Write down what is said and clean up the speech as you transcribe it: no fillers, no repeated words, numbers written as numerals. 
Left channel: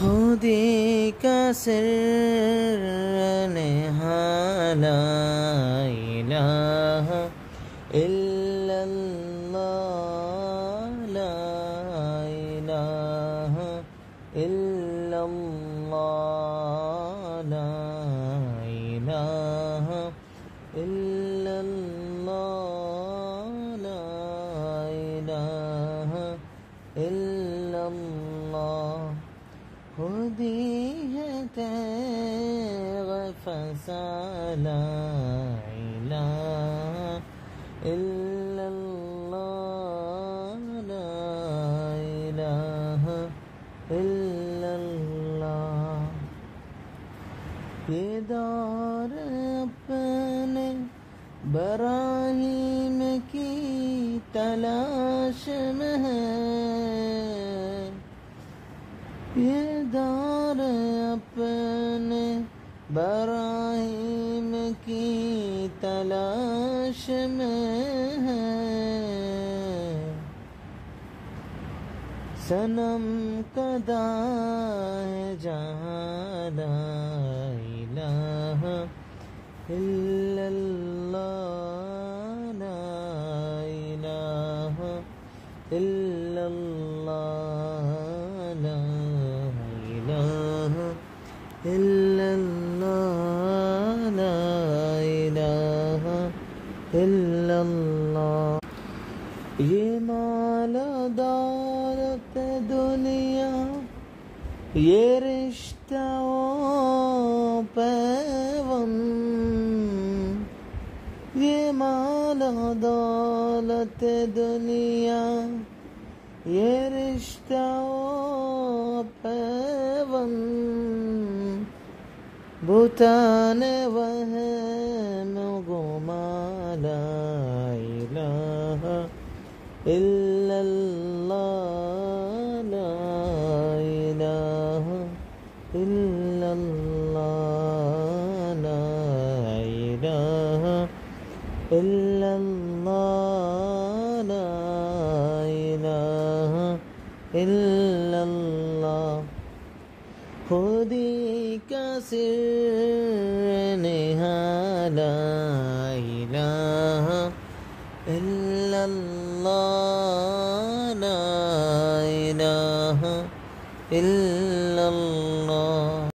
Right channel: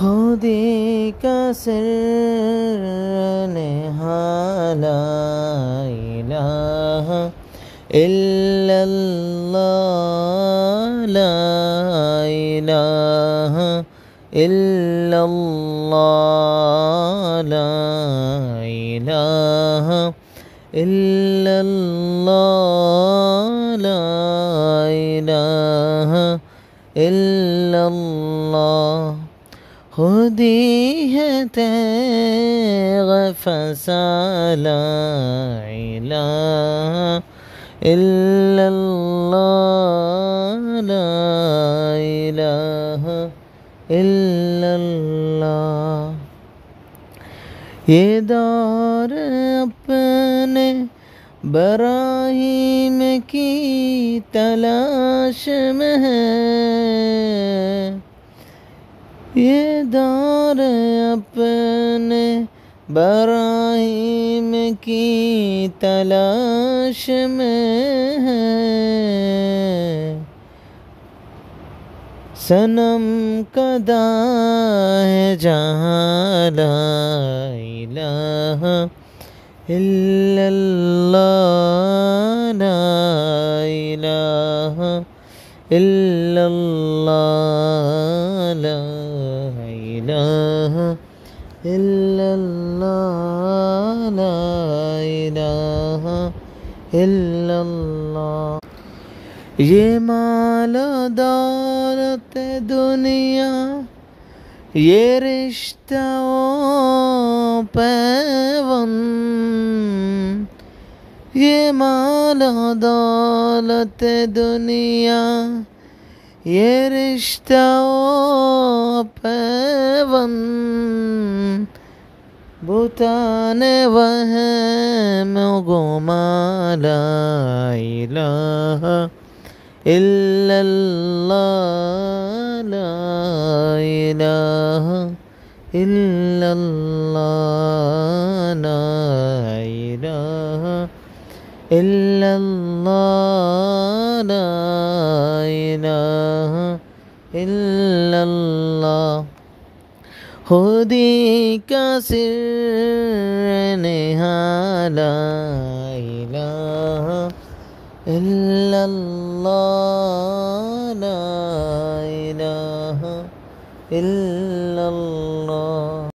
خودی کا سر نہا لا الہ الا اللہ لا الہ الا اللہ لا الہ الا اللہ لا الہ الا اللہ خودی ہے تیغ فسا لا الہ الا اللہ لا الہ الا اللہ یہ دور اپنے براہیم کی تلاش میں ہے یہ دور اپنے براہیم کی تلاش میں ہے صنم کدا ہے جہاں لا الہ الا اللہ لا الہ الا اللہ لا الہ الا اللہ لا الہ الا اللہ یہ مال و دولت دنیا یہ رشتہ و پیوند یہ مال و دولت دنیا یہ رشتہ و پیوند بتان وہم و گمان لا الہ الا اللہ لا الہ الا اللہ لا الہ الا اللہ لا الہ الا اللہ خودی کا سر نہا لا الہ الا اللہ لا الہ الا